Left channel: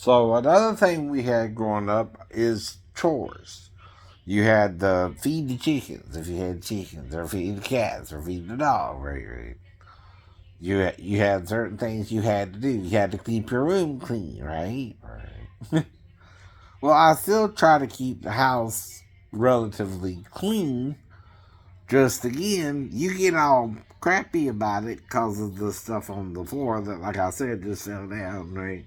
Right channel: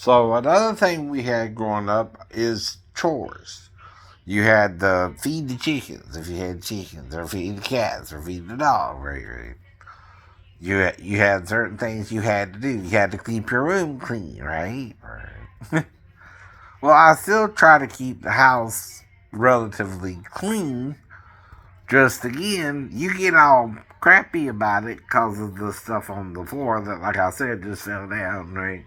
So another thing we had growing up is chores. You had to feed the chickens if you had chickens, or feed the cats, or feed the dog. Right. You had certain things you had to do. You had to keep your room clean, right? Right. Well, I still try to keep the house relatively clean. Just again, you get all crappy about it because of the stuff on the floor that, like I said, just fell down, right?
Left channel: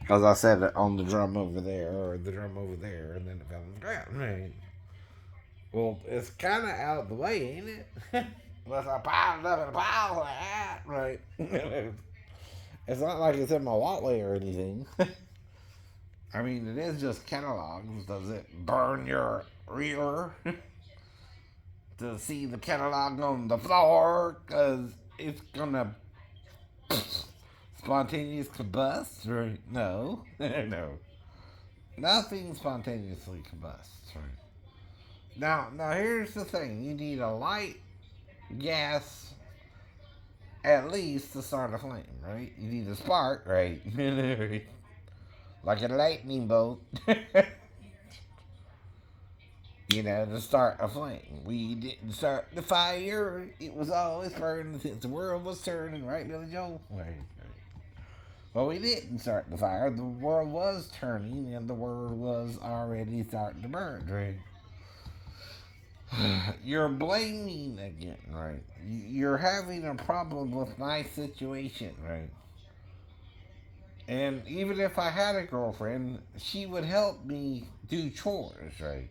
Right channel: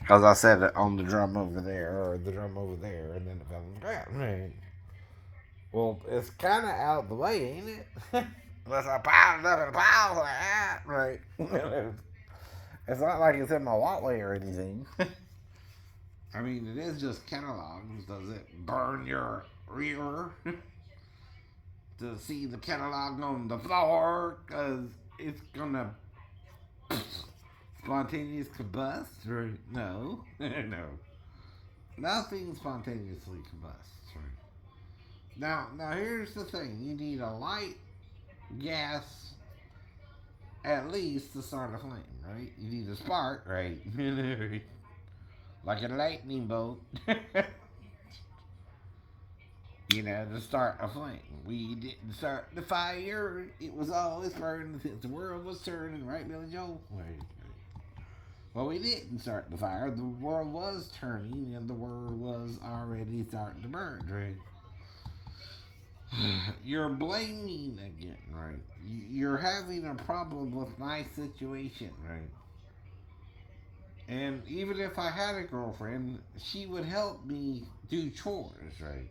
Because I said it on the drum over there, or the drum over there, and then it fell on the ground, right? Well, it's kind of out of the way, ain't it? Unless I piled it up in a pile like that, right? It's not like it's in my walkway or anything. I mean, it is just catalogs. Does it burn your rear to see the catalog on the floor? Because it's gonna spontaneous combust, right? No, no, nothing spontaneously combusts, right? Now here's the thing: you need a light gas at least to start a flame, right? You need a spark, right? Like a lightning bolt. To start a flame. We didn't start the fire. It was always burning since the world was turning, right, Billy Joel? Right. Well, we didn't start the fire. The world was turning, and the world was already starting to burn, right? You're blaming again, right? You're having a problem with my situation, right? And even if I had a girlfriend, she would help me do chores, right?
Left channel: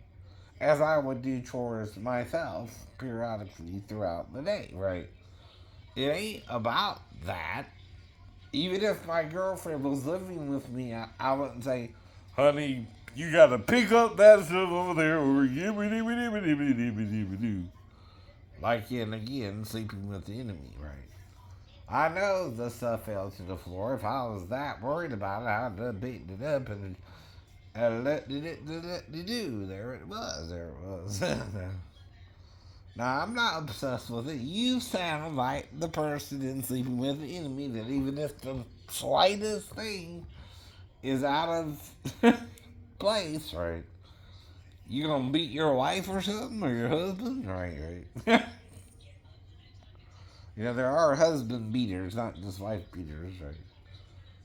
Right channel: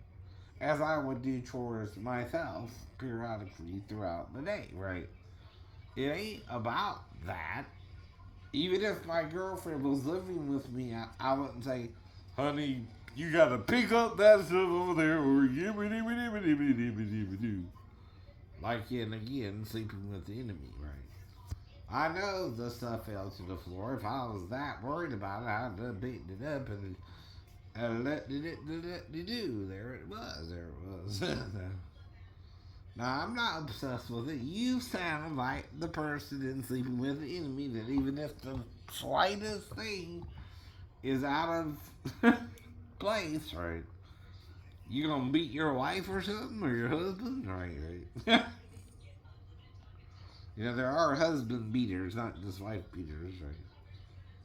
As I would do chores myself periodically throughout the day, right? It ain't about that. Even if my girlfriend was living with me, I wouldn't say, honey, you gotta pick up that stuff over there, or like in again, sleeping with the enemy, right? I know the stuff fell to the floor. If I was that worried about it, I'd have beaten it up and let it do. There it was. There it was. Now, I'm not obsessed with it. You sound like the person in Sleeping with the Enemy that even if the slightest thing is out of place, right? You gonna beat your wife or something, or your husband? Right. There are husband beaters, not just wife beaters, right?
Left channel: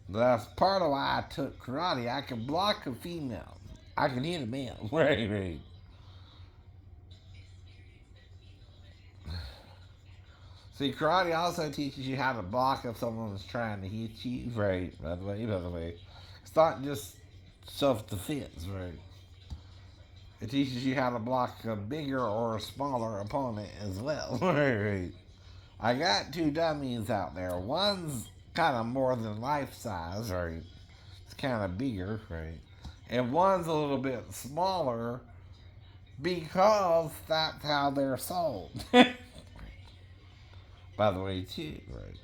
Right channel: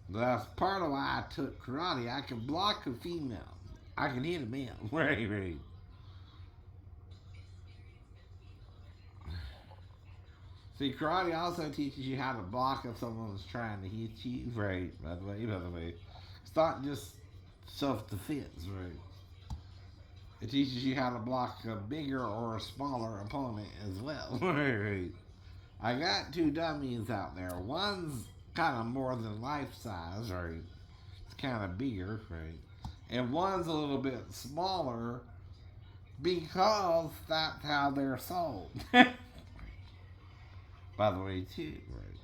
That's part of why I took karate. I can block a female. I can hit a man. Right. See, karate also teaches you how to block if someone's trying to hit you. Right. By the way. It's not just self defense, right? It teaches you how to block a bigger or a smaller opponent as well. Right. I got two dummies out there. One's kind of more than life size, right? It's kind of bigger, right? And one's a little bit smaller because that's how they're sold. By the way, too, right?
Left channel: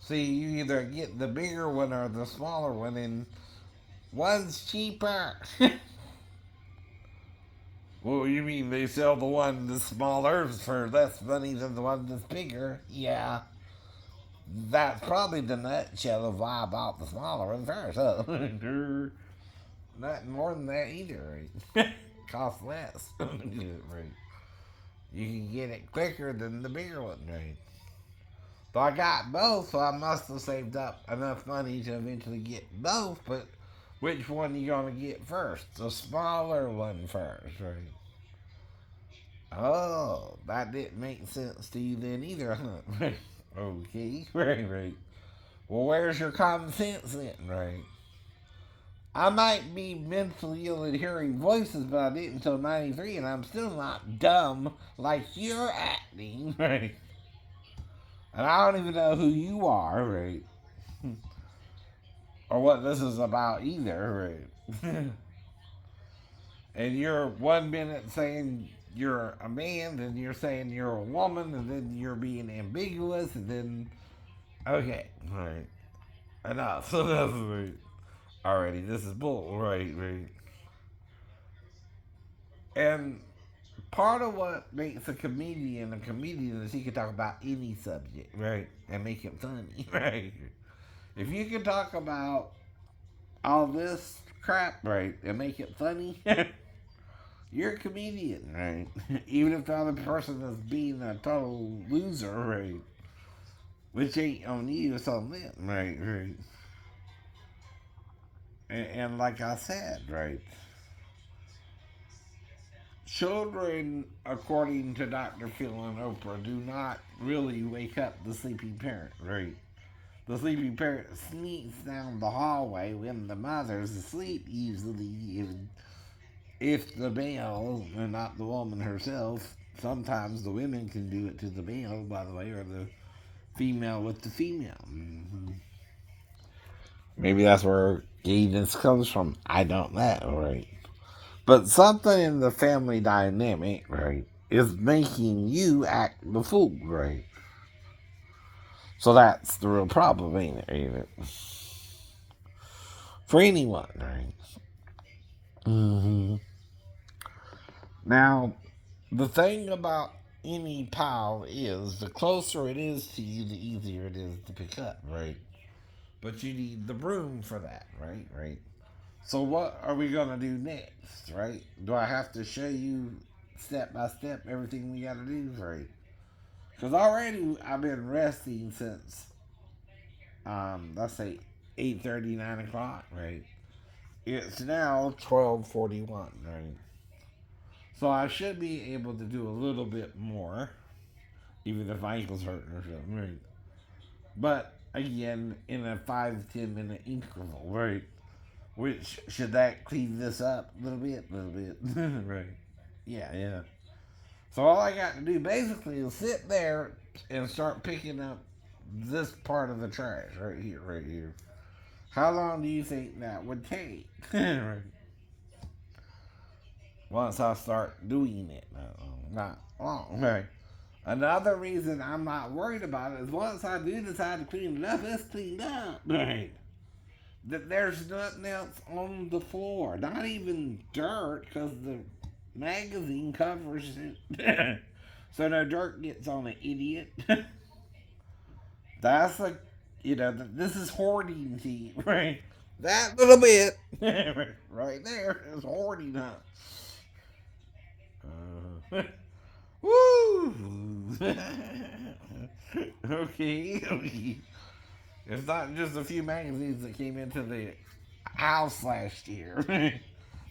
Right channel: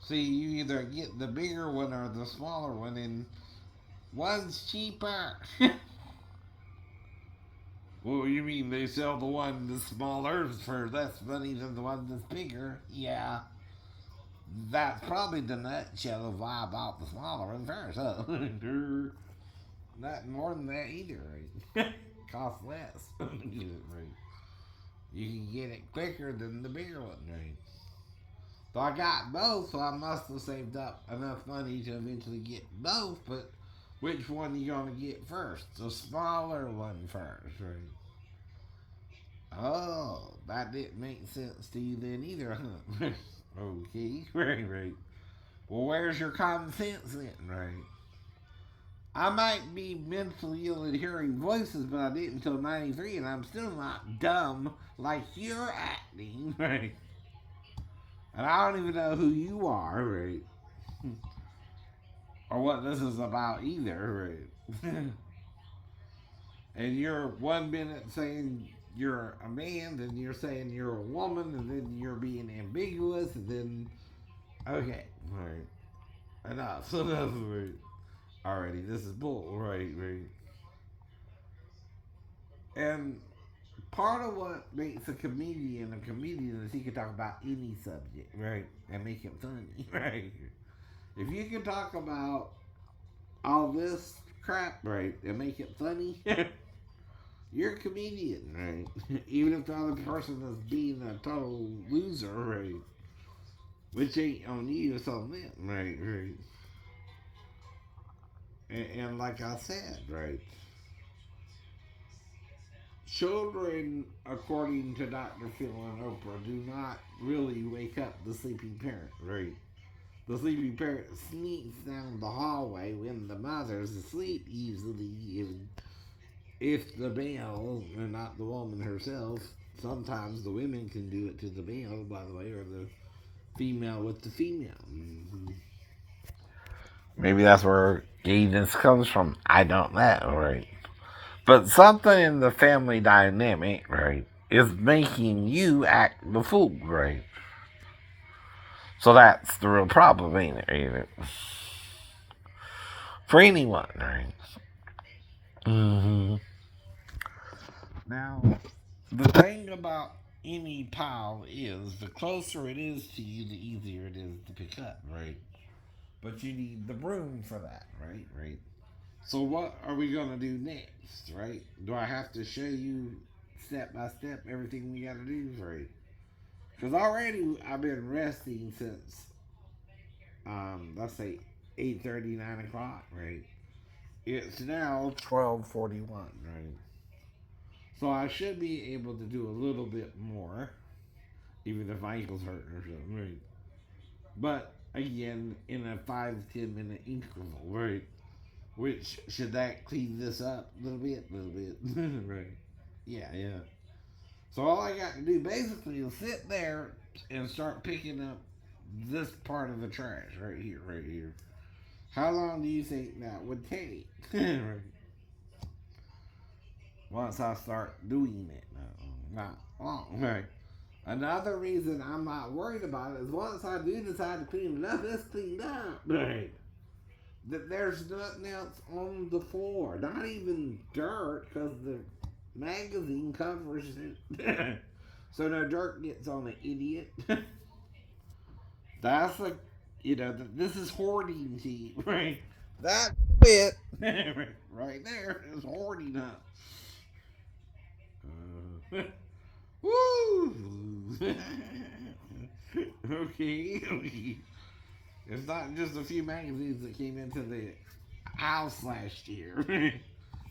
See, you either get the bigger one or the smaller one, and one's cheaper. Well, you mean they sell the one that's smaller for less money than the one that's bigger? Yeah, that's probably the nutshell of why I bought the smaller one first. Huh? Not more than that either. Right? Costs less. Right? You can get it quicker than the bigger one, right? So I got both, so I must have saved up enough money to eventually get both. But which one are you gonna get first? The smaller one first, right? Oh, that didn't make sense to you then either, huh? Okay, right. Well, where's your common sense then, right? I might be mentally ill at hearing voices, but I didn't until 93, and I'm still not dumb like you're acting, right? And I don't even know who you are, right? Or what this is about either, right? And you're 1 minute saying you're a man, then you're saying you're a woman, and then you're being ambiguous, and then okay, all right, enough, enough, right? Alrighty, this is bull, right. And part of what makes a comedian is he can talk about any subject, right, and make it funny, right? If you can talk about all this crap, right, and make it funny, you're a comedian, right? Even if the other person is being a total loser, right? Which ain't on you, it's on them, right? Right. And like I said, right? Children, according to Dr. Phil and Oprah, do not really wake up the sleeping parent, right? The sleeping parent sneaks down the hallway when the mother's asleep, usually, if the male, and not the woman herself. Sometimes the women can do it to the male, by the way, or the female with the female. Mm-hmm. Maybe that's where gayness comes from. I don't know, right? But something in the family dynamic, right, is making you act the fool, right? So that's the real problem, ain't it? Ain't it? For anyone, right? Mm-hmm. Now, the thing about any pile is the closer it is to you, the easier it is to pick up, right? But you need the broom for that, right? Right. So what are we gonna do next, right? Do I have to show you step by step everything we gotta do, right? Because already I've been resting since let's say 8:30, 9 o'clock, right? It's now 12:41, right? So I should be able to do a little bit more, even if my ankle's hurting or something, right? But again, in a 5 to 10 minute interval, right? Which should that clean this up a little bit, right? Yeah, yeah. So all I got to do basically is sit there and start picking up this part of the trash right here, right here. How long do you think that would take? Once I start doing it, not long. Right. Another reason I'm not worried about it is once I do decide to clean it up, it's cleaned up. Right. That there's nothing else on the floor, not even dirt, because the magazine covers it, so no dirt gets on it, idiot. That's like, this is hoarding tea, right? That little bit, right there, is hoarding, huh? Woo! Okay, okay. It's not just a few magazines that came into the house last year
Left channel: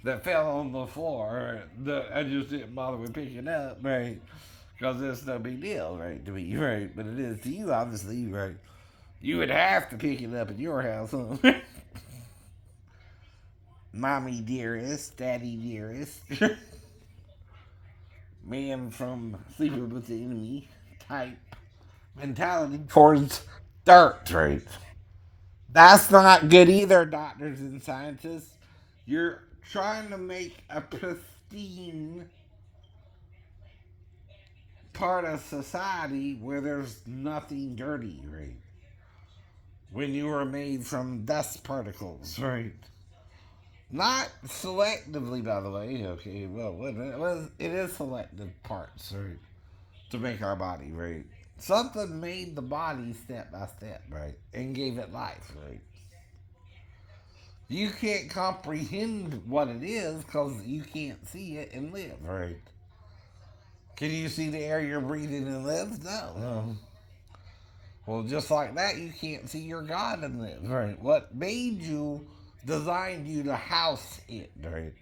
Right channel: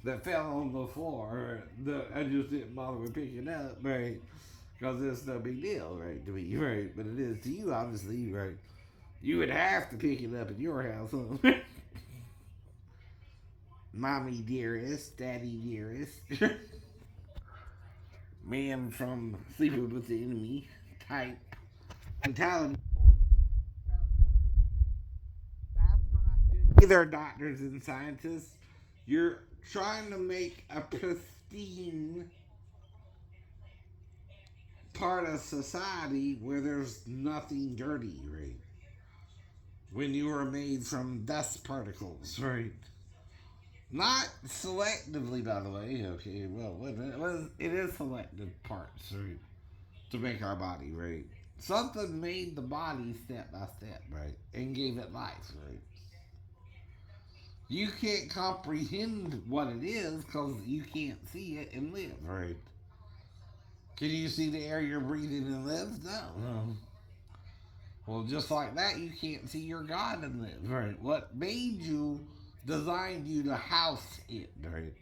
that fell on the floor that I just didn't bother with picking up, right? Because it's no big deal, right, to me, right? But it is to you, obviously, right? You would have to pick it up at your house, huh? Mommy dearest, daddy dearest, man from Sleeping with the Enemy type mentality towards dirt, right? That's not good either, doctors and scientists. You're trying to make a pristine part of society where there's nothing dirty, right? When you were made from dust particles, right? Not selectively, by the way. Okay, well, it is selective parts, right? To make our body, right? Something made the body step by step, right? And gave it life, right? You can't comprehend what it is because you can't see it and live, right? Can you see the air you're breathing and live? No. Well, just like that, you can't see your God and live, right? What made you, designed you to house it, right?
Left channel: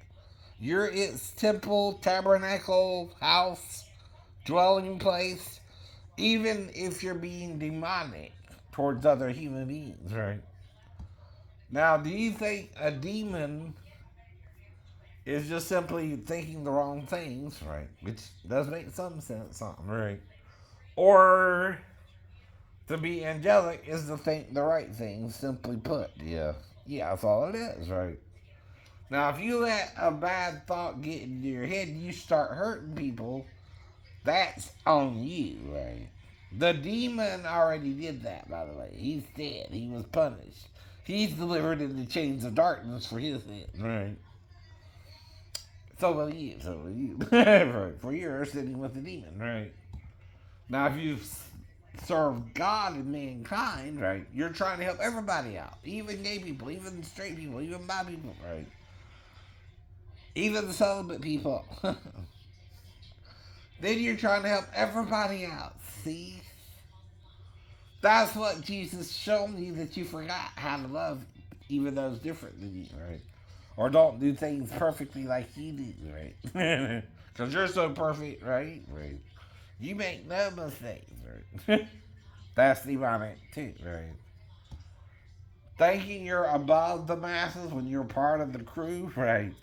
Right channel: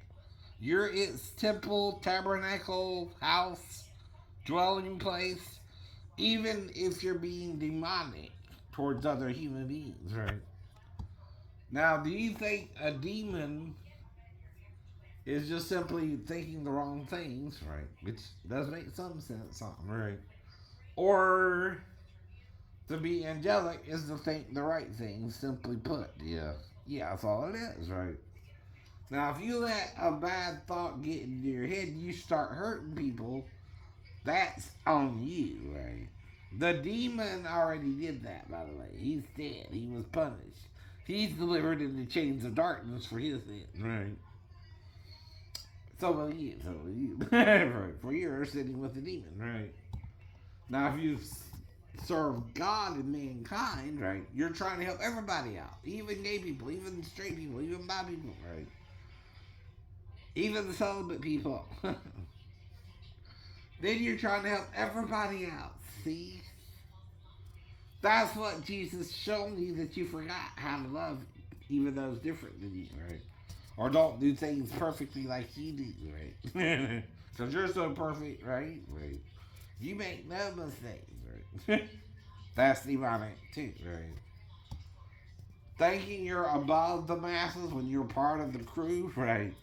You're its temple, tabernacle, house, dwelling place, even if you're being demonic towards other human beings, right? Now, do you think a demon is just simply thinking the wrong things, right? Which does make some sense, something, right? Or to be angelic is to think the right things, simply put. Yeah. Yeah, that's all it is, right? Now, if you let a bad thought get into your head and you start hurting people, that's on you, right? The demon already did that, by the way. He's dead. He was punished. He's delivered in the chains of darkness for his sin, right? So will you. So will you. For you're sitting with the demon, right? Now, if you serve God and mankind, right? You're trying to help everybody out, even gay people, even straight people, even bi people, right? Even the celibate people. Then you're trying to help everybody out. See? That's what Jesus showed you, that you forgot how to love even those different than you, right? Or don't do things perfectly like you do, right? Because you're so perfect, right? Right. You make no mistakes, right? That's demonic too, right? Thinking you're above the masses when you're part of the crew, right?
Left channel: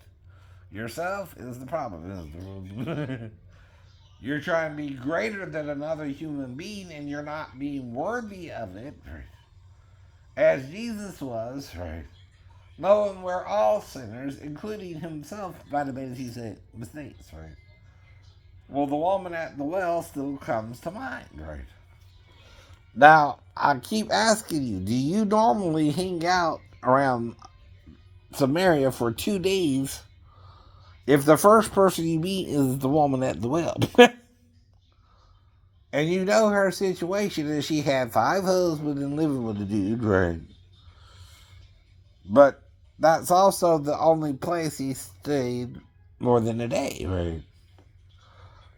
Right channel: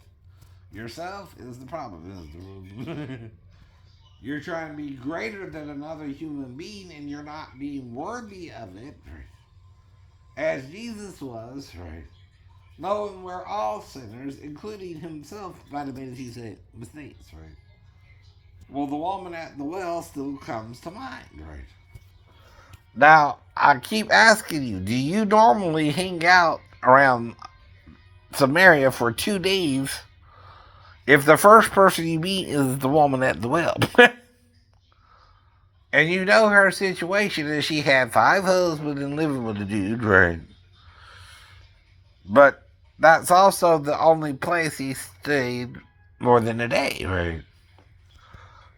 Yourself is the problem. You're trying to be greater than another human being and you're not being worthy of it, as Jesus was, right? Knowing we're all sinners, including himself, by the way, he said mistakes, right? Well, the woman at the well still comes to mind, right? Now, I keep asking you, do you normally hang out around Samaria for 2 days if the first person you meet is the woman at the well? And you know her situation is she had 5 husbands and living with a dude, right? But that's also the only place he stayed more than a day, right?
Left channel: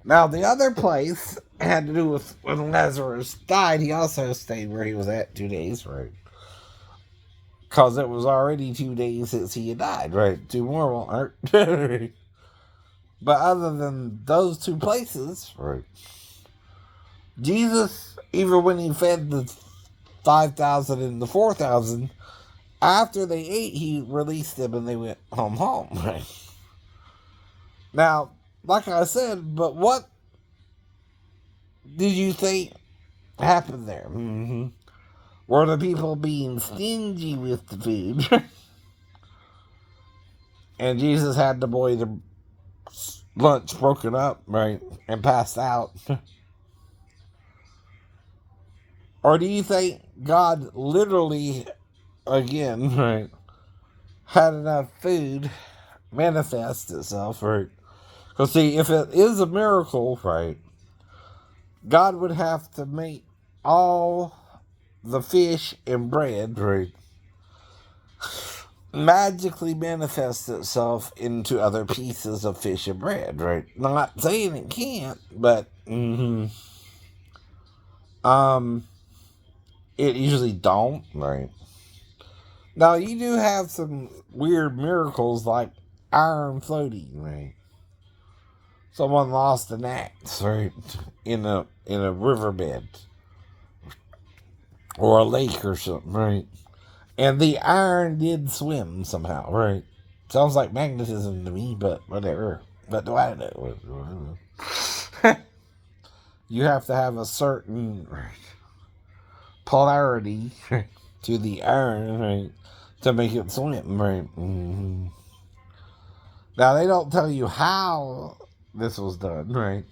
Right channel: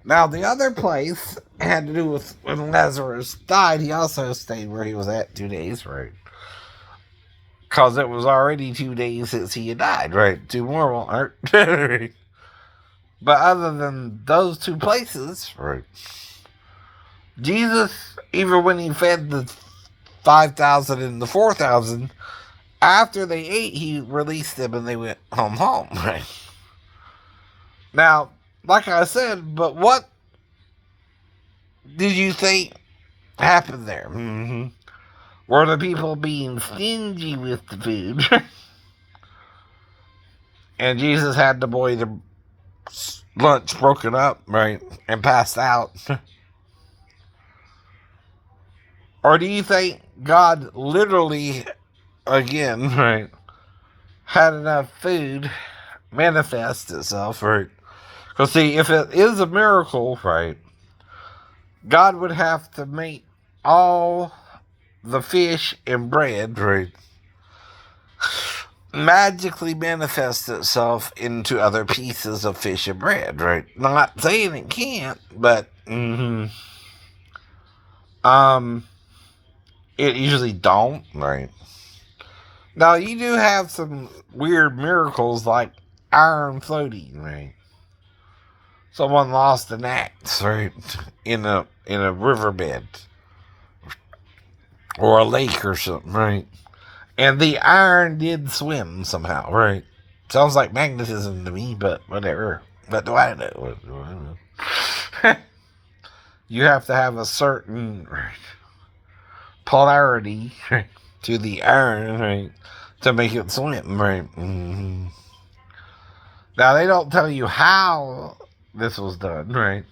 Now, the other place had to do with when Lazarus died, he also stayed where he was at 2 days, right? Because it was already 2 days since he had died, right? 2 more won't hurt. But other than those 2 places, right? Jesus, even when he fed the 5,000 and the 4,000, after they ate, he released them and they went home, right? Now, like I said, but what did you think happened there? Mm-hmm. Were the people being stingy with the food? And Jesus had the boy the lunch broken up, right, and passed out? Or do you think God literally, again, right, had enough food manifest itself, right? Because, see, if it is a miracle, right, God would have to make all the fish and bread, right, magically manifest itself into other pieces of fish and bread, right? Not saying it can't, but it usually don't, right? Now you do have some weird miracles like iron floating, right? Someone lost an axe, right, in a riverbed or a lake or something, right? And the iron did swim somehow, right? Sounds like magnetism to me, but whatever. What do I know? You have to have a certain polarity to the iron, right, to make it swim, right? Mm-hmm. Now, they don't tell you how this was done, right?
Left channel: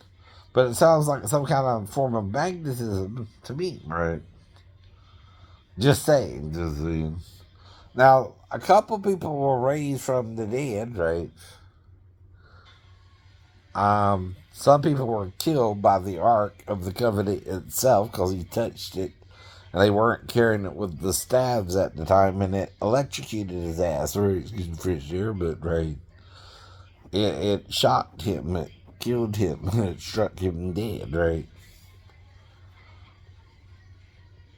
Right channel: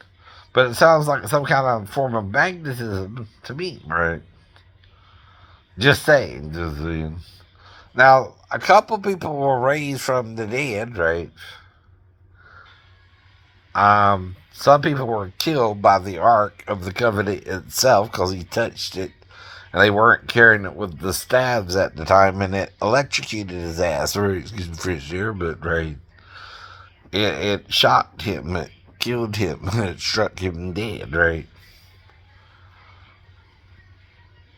But it sounds like some kind of form of magnetism to me, right? Just saying, just saying. Now, a couple people were raised from the dead, right? Some people were killed by the Ark of the Covenant itself because he touched it, and they weren't carrying it with the staves at the time, and it electrocuted his ass. Or excuse me for sure, but right, it shocked him, it killed him, it struck him dead, right?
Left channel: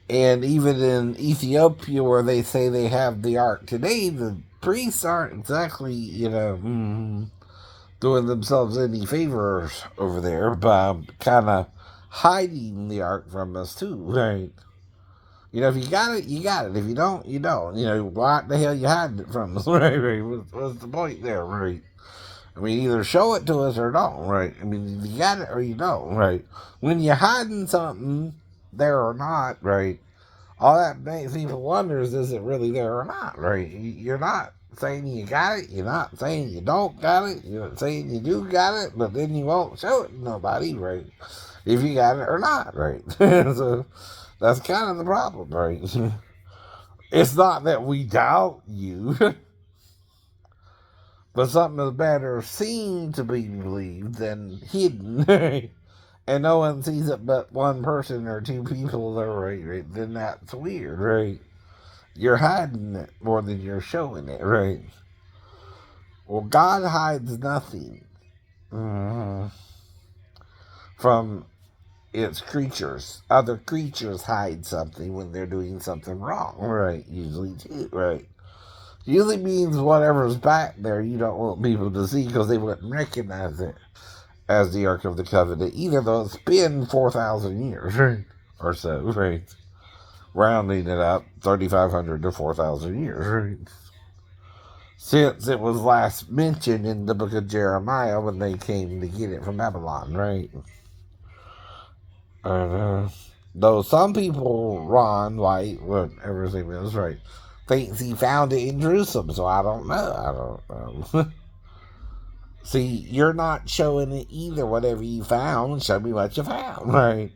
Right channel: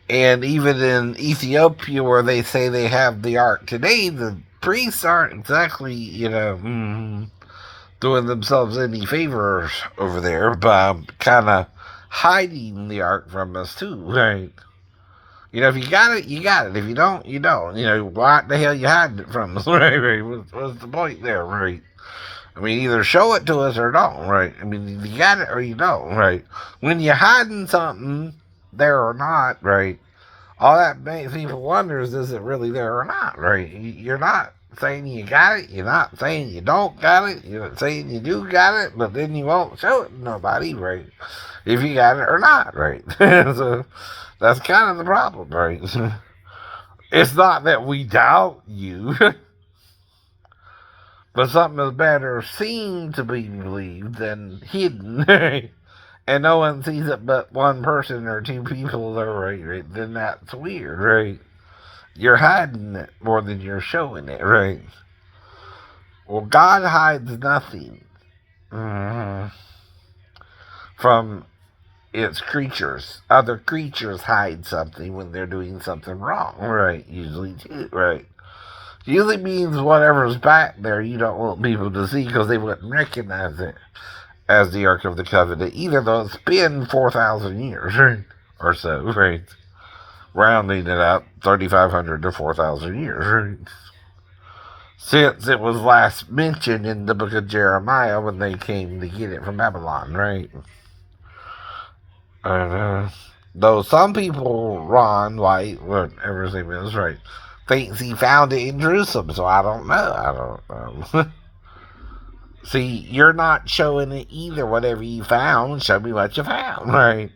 And even in Ethiopia, where they say they have the Ark today, the priests aren't exactly, doing themselves any favors over there by kind of hiding the Ark from us too, right? You know, if you got it, you got it. If you don't, you don't. You know, why the hell you hiding it from us, right? Right? What's the point there, right? I mean, either show it to us or don't, right? I mean, you got it or you don't, right? When you're hiding something there or not, right? All that makes people wonder is it really there or not, right? You're not saying you got it. You're not saying you don't got it. You're not saying you do got it, but then you won't show it to nobody, right? If you got it or not, right? So that's kind of the problem, right? It's not that we doubt you, but something is better seen to be believed than hidden. and no one sees it but one person or two people, right? Then that's weird, right? You're hiding it more than you're showing it, right? Well, God hides nothing from its creatures. Other creatures hide something when they're doing something wrong, right? Usually, too, right? Usually means whatever's back there you don't want people to see because they wouldn't recognize it as the Ark of the Covenant, either though it's been 4,000 years, right? Or so, right? Rounding it up, 3,500 to 4,000 years, right? Since it was last mentioned in the book of Jeremiah when they came to get it from Babylon, right? And, though some people, Ron White, whatever his name is, right, thinks he found it in Jerusalem, so I don't know. I don't know. See, you're not showing it either. Whatever you found, show me what you found, right?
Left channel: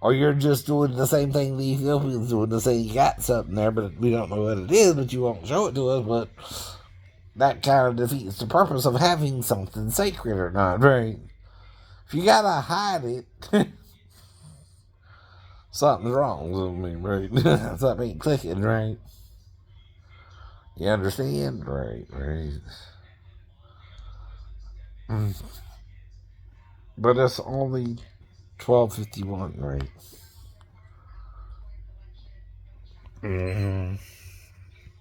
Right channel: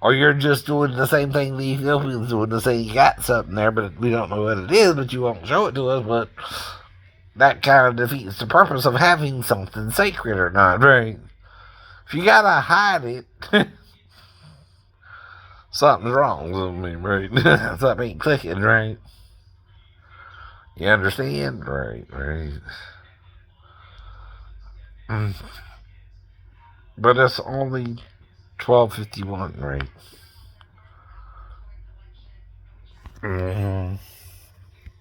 Or you're just doing the same thing the Ethiopians doing to say you got something there, but we don't know what it is, but you won't show it to us, but that kind of defeats the purpose of having something sacred or not, right? If you gotta hide it, something's wrong with me, right? Something ain't clicking, right? You understand? Right. But it's only 12:51, right?